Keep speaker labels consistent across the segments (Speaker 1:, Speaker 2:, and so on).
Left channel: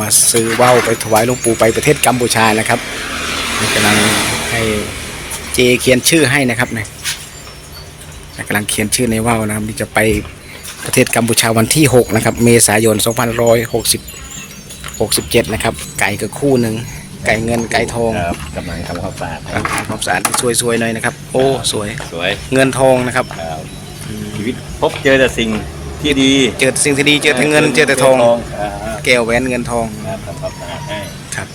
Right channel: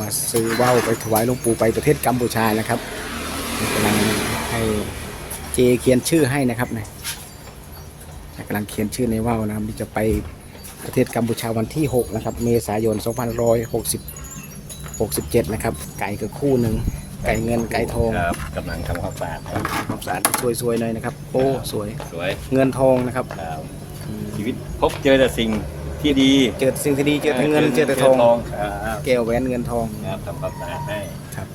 Speaker 1: มาซื้อว่าวไปถวายหลวงปู่ไปประเทศกัมพูชานะครับกำลังให้เจเขียนชื่อให้นะครับเนี่ยกำลังเขียนชื่อในว่าวนะครับที่จะไปประเทศกัมพูชาวันที่6นะครับเมษายน2567นะครับไก่ก็คู่หนึ่งไก่เงินไก่ทอง
Speaker 2: กำลังทำความสะอาด
Speaker 1: ความสะอาดสวยๆหน่อยนะครับโอ้สวย
Speaker 2: สวย
Speaker 1: เงินทองนะครับ
Speaker 2: ชีวิตพบเจอแต่สิ่งที่ดี
Speaker 1: เจอสิ่งที่ดีเจอแต่เงินเจอแต่ทองแก้วแหวนเงินทอง
Speaker 2: ทำความสะอาดให้
Speaker 1: ครับ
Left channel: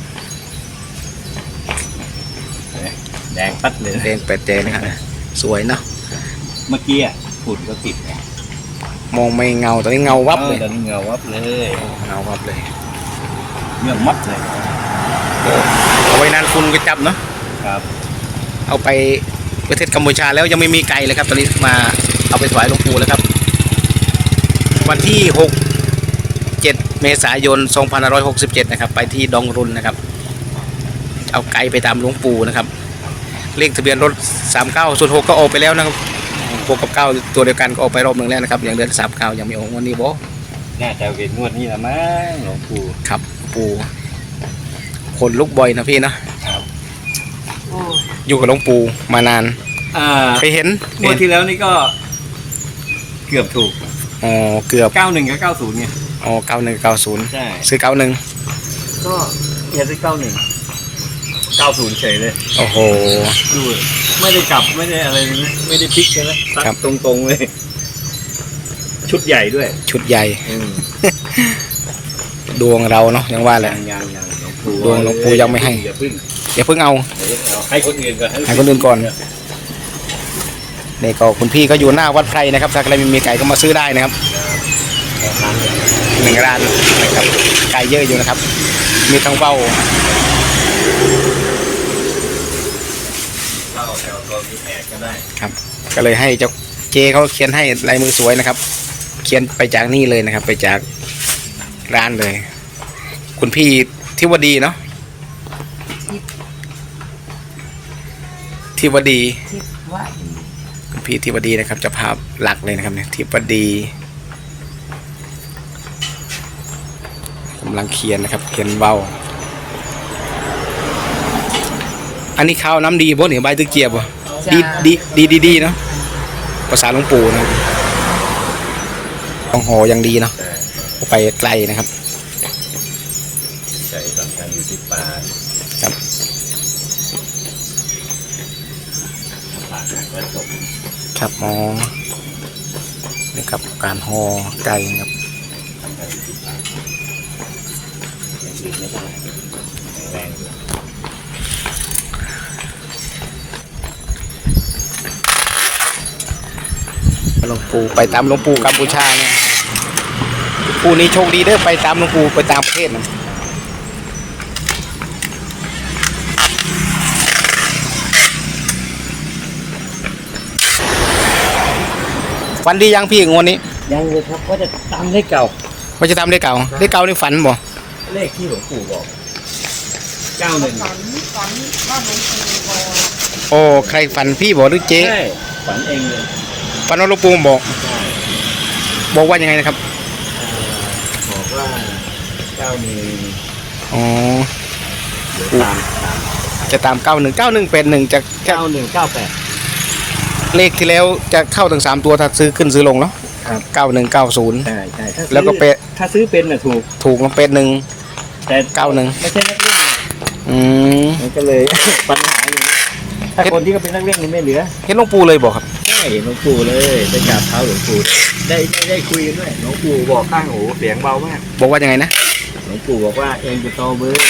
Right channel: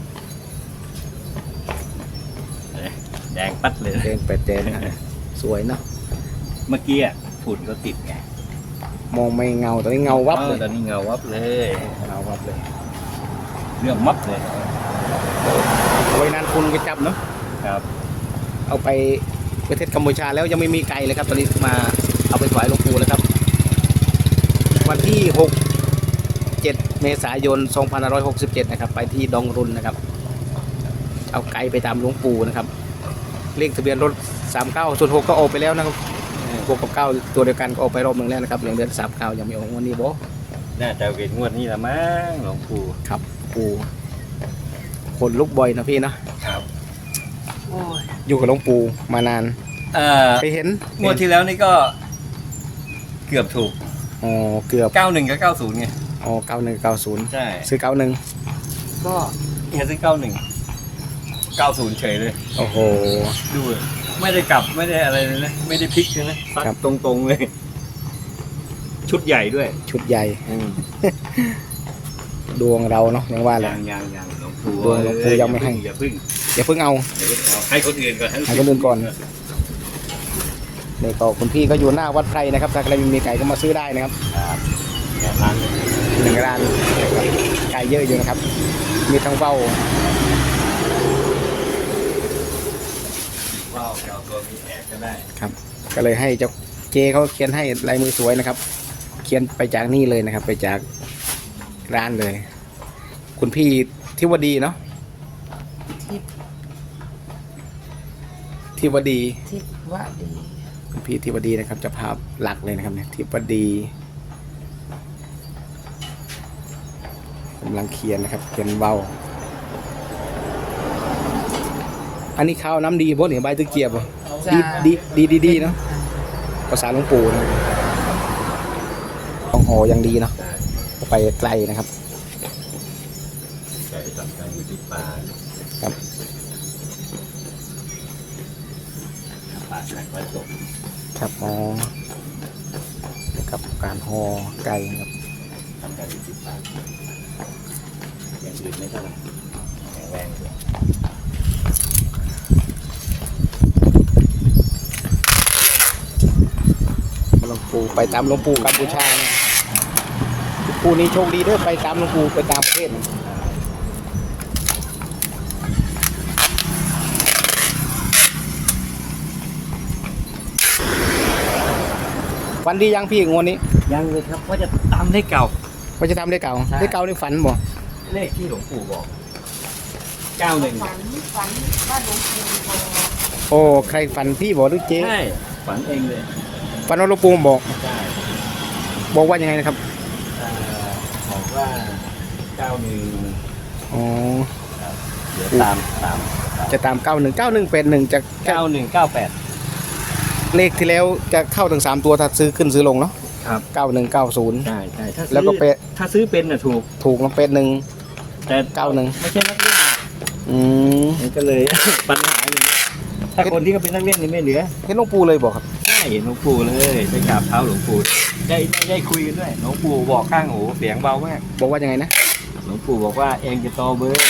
Speaker 2: แดงปัดเลย
Speaker 1: แดงเป็ดแดงนะครับสวยเนาะ
Speaker 2: เมื่อกี้ฝุ่นก็ติด
Speaker 1: มองไม่เงาตอนนี้เงาวับเลย
Speaker 2: ตอนนี้เงาวับเลย
Speaker 1: เงาวับเลย
Speaker 2: เรื่องมัดเลย
Speaker 1: เอาไว้นานคุณก็จับเนาะ
Speaker 2: ครับ
Speaker 1: เอาไปประเทศกัมพูชาแล้วยังไม่มีไก่เลยครับตอนนี้มาเอาไปถวายหลวงปู่แล้วครับวันที่7 เมษายน 2567นะครับไปที่ดองรุนนะครับเอาไก่ไปตามหลวงปู่นะครับเลขทะเบียนรถ3906ก็ออกไปแล้วนะครับ6 กับ 9ตัวเดียวกันก็ออกไปรอบหนึ่งแล้วนะครับยังเหลือ39ยังไม่ออกวันนี้บ่
Speaker 2: น่าจะเป็นงวดนี้ละมั้งหลวงปู่
Speaker 1: ครับปู่คนลุกบ่อยนะพี่เนาะอยู่กับหลวงปู่มานานไปเห็น
Speaker 2: งวดที่แล้วนี่ก็เกือบถูก
Speaker 1: อ๋อเกือบ
Speaker 2: 91กับ90ไง
Speaker 1: อ๋อ91 90
Speaker 2: ใช่
Speaker 1: ซื้อ91
Speaker 2: ก็แค่ซื้อ90เฉยเลย
Speaker 1: โอ้โห
Speaker 2: ดูไม่ได้กลับไม่ได้อะไรเลยนะไม่ได้พลิกเลยนะซัดตรงๆเลยชุดใหญ่ด้วย
Speaker 1: ชุดใหญ่ดวงเราเนาะยังว่าแหละดวงหลวงปู่ยังไม่ให้อย่าเพิ่งเอา
Speaker 2: ให้คนอื่นก่อน
Speaker 1: ให้คนอื่นก่อนนี่ก็คุณพี่ก็อยู่หน้าวัดไพรนะครับถ้าใครมีไก่ก็มาซื้อได้นะครับ1 ร้านนะครับไก่เยอะอยู่นะครับมีทั้งเป้า
Speaker 2: แถวตัวมีแอกก็ได้
Speaker 1: ครับก็เลยให้เจ้าเจเขาเขียนให้ลายมือสวยนะครับเขียนไปจากนี่เลยนะครับไปจากร้านเลยคุณพี่ทิวดีเนาะทิวดีคุณพี่ทิวดีนะครับจะภาพหลักเลยนะครับเนี่ยทิวดีกำลังเขียนนะครับเขียนเบาอันนี้ข้าวน้ำดีบ่เนี่ยใบตะเกียบบ่ดีเนาะภาษาหลวงปู่นะต้องห่ออย่างดีเนาะไปไกลนะครับ
Speaker 2: ใช่สำคัญอยู่ที่ปลา
Speaker 1: ครับ
Speaker 2: ปลาหักและจบ
Speaker 1: ครับอ๋อนี่ครับการห่อไก่ครับหลวงปู่ไปตามหลวงปู่กัมพูชาเนี่ยปู่นี้โชคดีเด้อไปตามหลวงปู่ไปตามประเทศนะฝันดียังพี่งวดนี้
Speaker 2: ยังเลยครับว่าจะตามเลขเก่า
Speaker 1: ว่าจะทำเลขเก่านี่ฝันบ่
Speaker 2: เลขที่หลวงปู่บอก91
Speaker 3: ฝันว่าหลวงปู่บอก
Speaker 1: โอ้ใครฝันพี่บอกหรือเจ๊
Speaker 2: ใช่ฝันเองเลย
Speaker 1: ฝันว่าหลวงปู่บอกว่ายังไงนะครับ
Speaker 2: บอกว่า91
Speaker 1: อ๋อจะตาม91จะ
Speaker 2: 9198
Speaker 1: เลขที่แล้วจะเข้าถึง3ตัวถ้าซื้อขึ้นซื้อลงเนาะ
Speaker 2: ครับ
Speaker 1: 9190
Speaker 2: ใช่
Speaker 1: แล้วก็เป็ด
Speaker 2: ถ้าซื้อเป็นน่ะ
Speaker 1: ถูกแล้วเป็ด1
Speaker 2: แต่
Speaker 1: 91
Speaker 2: ไม่ใช่นักเล่นมันก็เลยปัญหาอยู่ถ้าคนที่เขาเป็นนักเล่นมันไม่เหลือ
Speaker 1: เห็นหลวงปู่เลยบอกครับ
Speaker 2: ใช่หลวงปู่เลยไปกราบเท้าหลวงปู่ได้คุยกันด้วยหลวงปู่บอกข้างหูเสียงเบามาก
Speaker 1: บอกว่ายังไงนะ
Speaker 2: หลวงปู่บอกว่าเองจะโตเบอร์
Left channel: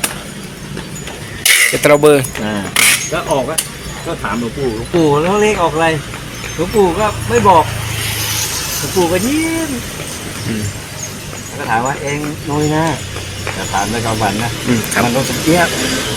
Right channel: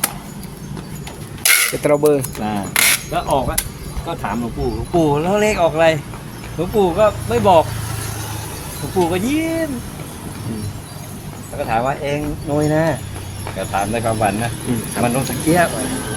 Speaker 2: ก็ออกก็ถามหลวงปู่แล้วเลขออกอะไรหลวงปู่ก็ไม่บอกหลวงปู่ก็ยิ้มก็ถามว่าเองน้อยนะจะถามในความฝันนะมันก็สุดเจี๊ยบ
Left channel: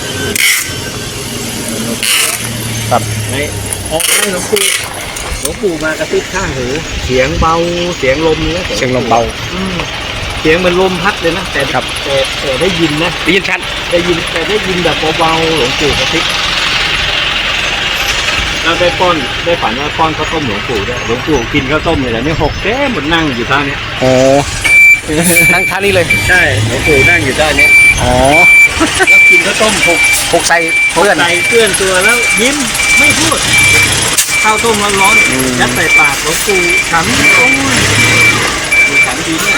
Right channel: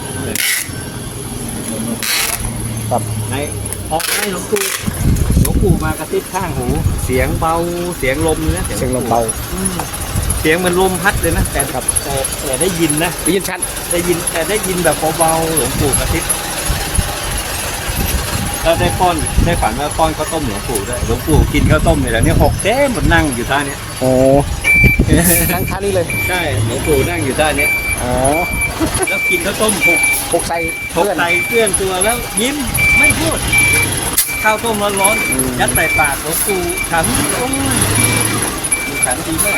Speaker 1: ครับ
Speaker 2: ไงออกให้หลวงปู่มากระซิบข้างหูเสียงเบาเสียงลมนะ
Speaker 1: เสียงลมเบา
Speaker 2: เสียงมันลมพัดเลยนะแต่ได้ยินนะ
Speaker 1: ได้ยินชัด
Speaker 2: ได้ยินแบบเบาๆหลวงปู่กระซิบแล้วได้ฝันว่าป้อนข้าวต้มหลวงปู่ด้วยหลวงปู่กินข้าวต้มเลยแล้วเนี่ยหกแก้มหมดนั่งอยู่ท่าเนี้ย
Speaker 1: อ๋อนั่งท่านี้เลย
Speaker 2: ใช่หลวงปู่นั่งอยู่ท่าเนี้ย
Speaker 1: อ๋อ
Speaker 2: แล้วกินข้าวต้มหก
Speaker 1: หกใส่เพื่อน
Speaker 2: ใส่เพื่อนตัวแล้วยิ้มไม่พูดข้าวต้มร้อน
Speaker 1: อืม
Speaker 2: ๆยัดใส่ปากหลวงปู่ฉันโอ้ยดูของดีเนี่ย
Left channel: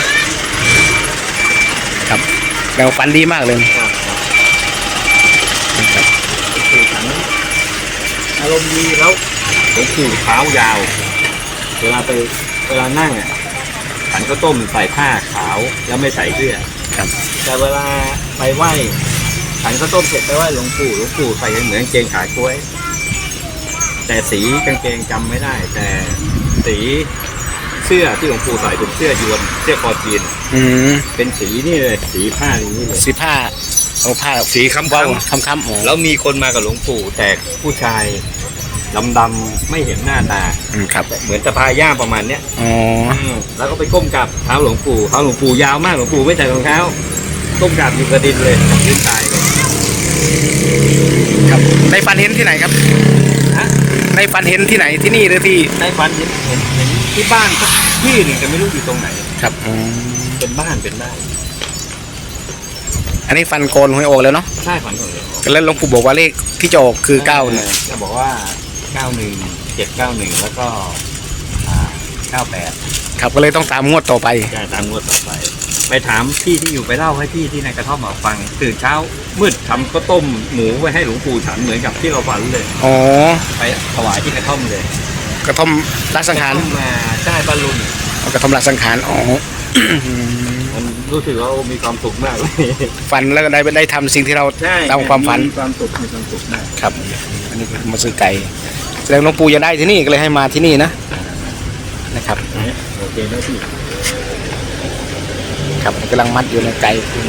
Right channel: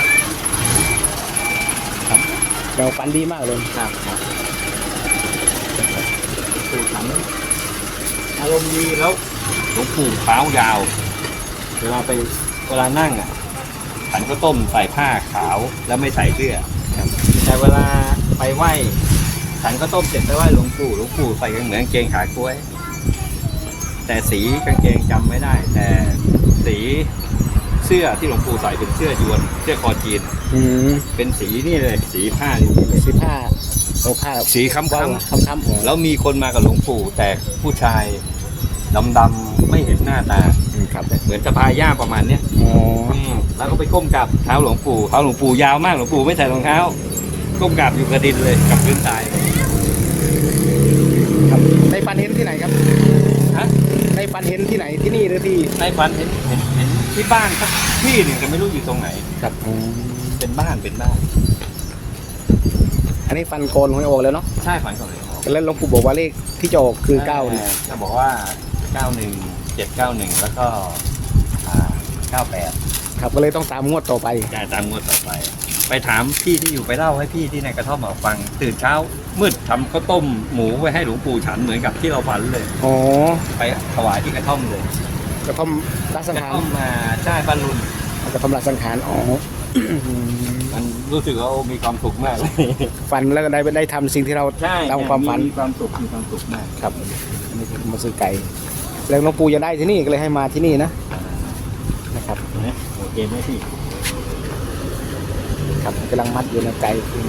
Speaker 1: ครับเราฝันดีมากเลย
Speaker 2: ครับหลวงปู่ฉันอารมณ์ดีแล้วหลวงปู่เท้ายาว เวลานั่งอ่ะฉันข้าวต้มใส่ผ้าขาวแล้วไม่ใส่เสื้อ
Speaker 1: ครับ
Speaker 2: แต่เวลาไปไหว้ฉันข้าวต้มเสร็จไปไหว้หลวงปู่ใส่เหมือนกางเกงขากล้วย แต่สีกางเกงจำไม่ได้ แต่สีเสื้อที่หลวงปู่ใส่เป็นเสื้อยวนเสื้อคอจีน
Speaker 1: อืม
Speaker 2: เป็นสีนี่เลยสีผ้าหลวงปู่
Speaker 1: สีผ้าเอาผ้า
Speaker 2: สีค้ำ
Speaker 1: เว้า
Speaker 2: ๆ
Speaker 1: ค้ำๆอ๋อ
Speaker 2: แล้วมีคนมากับหลวงปู่แต่ผู้ชายดำๆไม่เห็นหน้าตา
Speaker 1: ครับ
Speaker 2: เหมือนสะพายย่ามประมาณเนี้ย
Speaker 1: อ๋อ
Speaker 2: แล้วก็ไปก้มกราบเท้าหลวงปู่ยาวมากหลวงปู่ไม่ใส่รองเท้าก้มกราบอยู่กระดินเลยกับพื้นตายเลย
Speaker 1: ครับในฝันเห็นที่ไหนครับ
Speaker 2: ฮะ
Speaker 1: ในฝันเห็นที่ไหนที่นี่หรือที่
Speaker 2: ในฝันเห็นที่บ้านสักที่หนึ่งแต่ไม่รู้อยู่ตรงไหน
Speaker 1: ครับอืม
Speaker 2: เป็นบ้าน
Speaker 1: อันนี้ฟันโกนหวยออกแล้วเนาะ
Speaker 2: ใช่ฝันของเลย
Speaker 1: แล้วหลวงปู่บอกว่าเลขที่จะออกคือเก้าเนี่ย
Speaker 2: จะบอกว่า91 791แล้วก็98
Speaker 1: ครับก็เลยต้องตามงวดต่อไป
Speaker 2: จ่ายตามงวดต่อไป ไปถามพี่ที่อยู่ไปเล่าให้พี่ที่ในกระท่อมมาฟังตื่นเช้ามืดทำข้าวต้มหมูไว้ให้หลวงปู่ฉันเหมือนกับที่เราฝันเลย
Speaker 1: อ๋อ
Speaker 2: ไปถวายที่กระท่อมเลย
Speaker 1: กระท่อมรักสัง
Speaker 2: ก
Speaker 1: ขาร
Speaker 2: ระท่อมมาใช่บ้านลุน
Speaker 1: กระท่อมรักสังขารอ๋อ
Speaker 2: มันรู้สึกว่ามีความสุขมากเลย
Speaker 1: ฝันแล้วก็ได้ทำสิ่งที่เรา
Speaker 2: ใช่
Speaker 1: ตามความฝัน
Speaker 2: มีความสุขมาก
Speaker 1: ครับอันนี้คือมาซื้อไก่แสดงหลวงปู่จะได้ที่นี่ก็เลยให้มาที่นี่นะนะครับ
Speaker 2: โอเคนะพี่
Speaker 1: ครับกำลังมัดอยู่ในไก่คุณ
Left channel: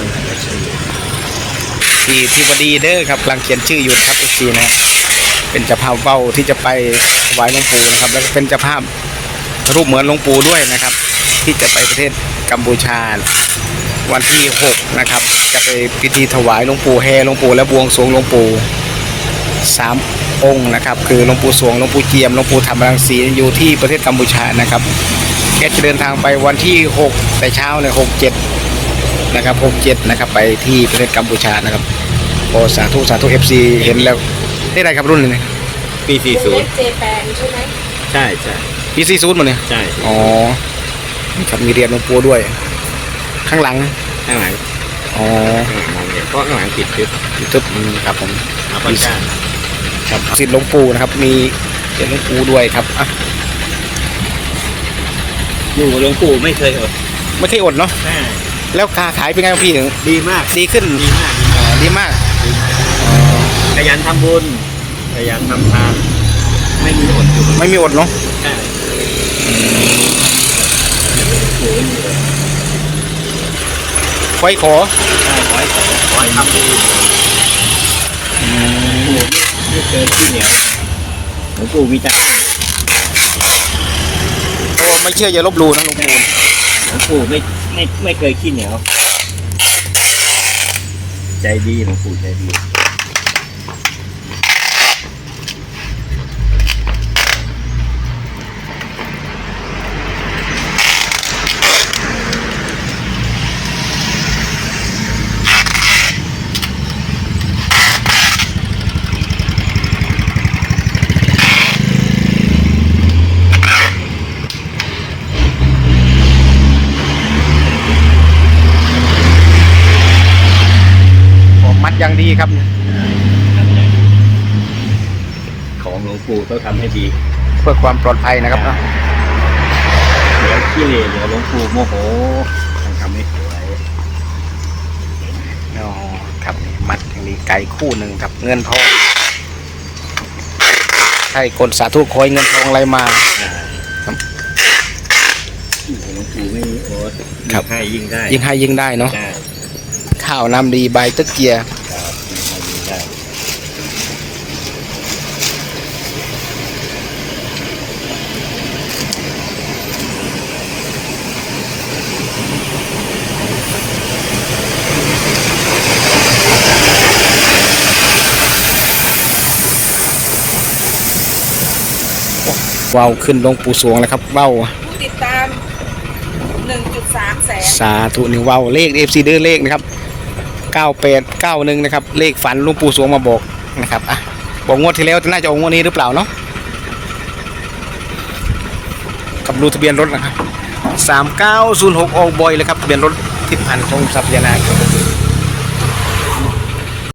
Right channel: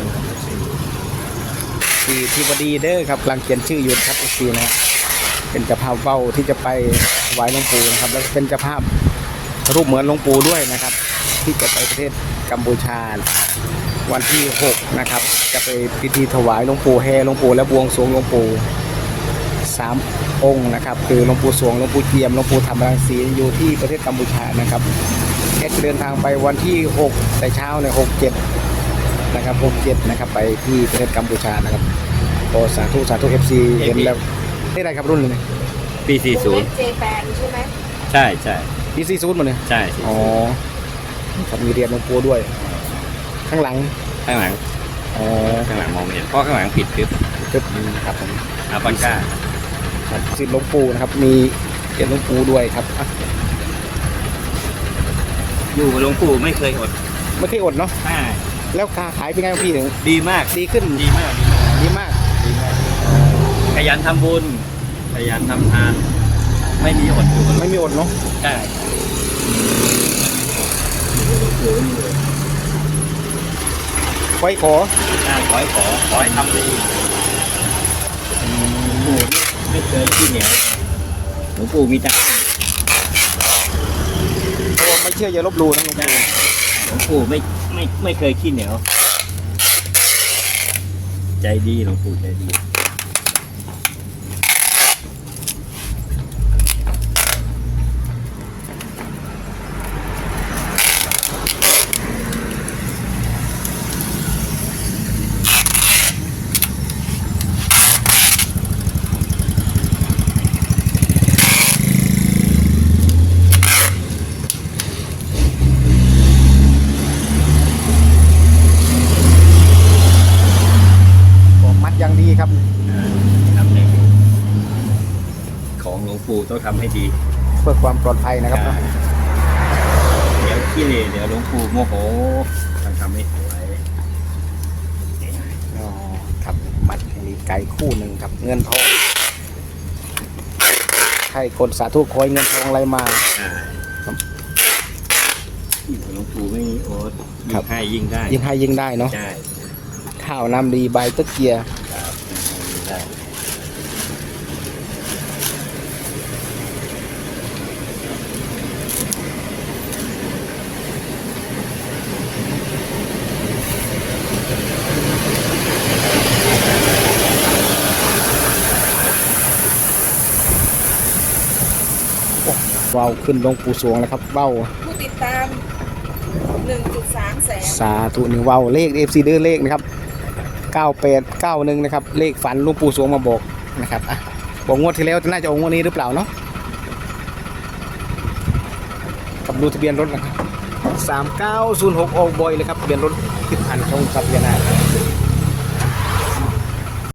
Speaker 1: ที่พอดีเด้อครับกำลังเขียนชื่ออยู่ครับอีกทีนะเป็นเจ้าภาพเฝ้าที่จะไปถวายหลวงปู่นะครับแล้วก็เป็นเจ้าภาพรูปเหมือนหลวงปู่ด้วยนะครับ ที่จะไปประเทศกัมพูชาวันที่6นะครับจะไปพิธีถวายหลวงปู่แห่หลวงปู่และบวงสรวงหลวงปู่3 องค์นะครับคือหลวงปู่สวงหลวงปู่เจียมหลวงปู่ธรรมรังสีอยู่ที่ประเทศกัมพูชานะครับแกจะเดินทางไปวันที่6แต่เช้าใน67นะครับ67นะครับไปที่ประเทศกัมพูชานะครับโอ้สาธุFC เห็นแล้วได้ไรครับรุ่นนี้
Speaker 2: ปี
Speaker 3: เจแปนใช่ไหม
Speaker 2: 40ใช่
Speaker 1: ปี40หมดเลย
Speaker 2: ใช่
Speaker 1: อ๋อครับมีเรียนหลวงปู่ด้วย ข้างหลัง
Speaker 2: ข้างหลัง
Speaker 1: อ๋อ
Speaker 2: มองไม่เห็นเพราะข้างหลังปิดทึบ
Speaker 1: ตึ๊บครับผม
Speaker 2: อาปันก้า
Speaker 1: ครับสิทธิ์หลวงปู่นะครับมีหลวงปู่ด้วยครับอ่ะ
Speaker 2: อยู่กับหลวงปู่ไม่เคยอด
Speaker 1: ไม่เคยอดเนาะ
Speaker 2: ใช่
Speaker 1: แล้วค้าขายเป็นไงครับพี่ถึง
Speaker 2: ดีมาก
Speaker 1: ดีขึ้น
Speaker 2: ดีมาก
Speaker 1: ดีมาก
Speaker 2: ขยันทำบุญขยันทำทานไม่มีอด
Speaker 1: ไม่มีอดเนาะ
Speaker 2: ใช่
Speaker 1: ไว้ขอ
Speaker 2: ใช่ขอให้ทำดีไม่เคยขี้เหนียวหลวงปู่วิจารณ์
Speaker 1: เพราะว่าไม่เชื่ออย่าลบหลู่นะหลวงปู่
Speaker 2: หลวงปู่ไม่เคยขี้เหนียวใจดีหลวงปู่ใจดี
Speaker 1: ผมมัดอย่างดีครับ
Speaker 2: ของหลวงปู่ต้องทำให้ดี
Speaker 1: เพื่อความปลอดภัยนะครับเนาะ
Speaker 2: เดี๋ยวขี้เหร่เดี๋ยวหลวงปู่โมโหต้องทำให้สวย
Speaker 1: อ๋อครับมัดอย่างดีไก่คู่หนึ่งครับเงินทองให้คนสาธุคอยเงินทองอะไรมา ครับ
Speaker 2: หลวงปู่ไม่มีโอ๊ต
Speaker 1: ครับ
Speaker 2: ให้ยิ่งได้
Speaker 1: ยิ่งให้ยิ่งได้เนาะ
Speaker 2: ใช่
Speaker 1: ข้าวน้ำดีใบตึกเกียร์
Speaker 2: ครับยิ่งให้ยิ่งได้
Speaker 1: ว้าวขึ้นหลวงปู่สวงแล้วครับว้าว
Speaker 3: ผู้ติดตาม 1.3 แสน
Speaker 1: สาธุหนึ่งว้าวเลข FC เด้อเลขนะครับ9891นะครับเลขฝันหลวงปู่สวงมาบอกนะครับอ่ะบอกงวดที่แล้วน่าจะออกงวดนี้หรือเปล่าเนาะกับดูทะเบียนรถนะครับ3906ออกบ่อยเลยครับทะเบียนรถทิพย์พันธ์ของทรัพยานาค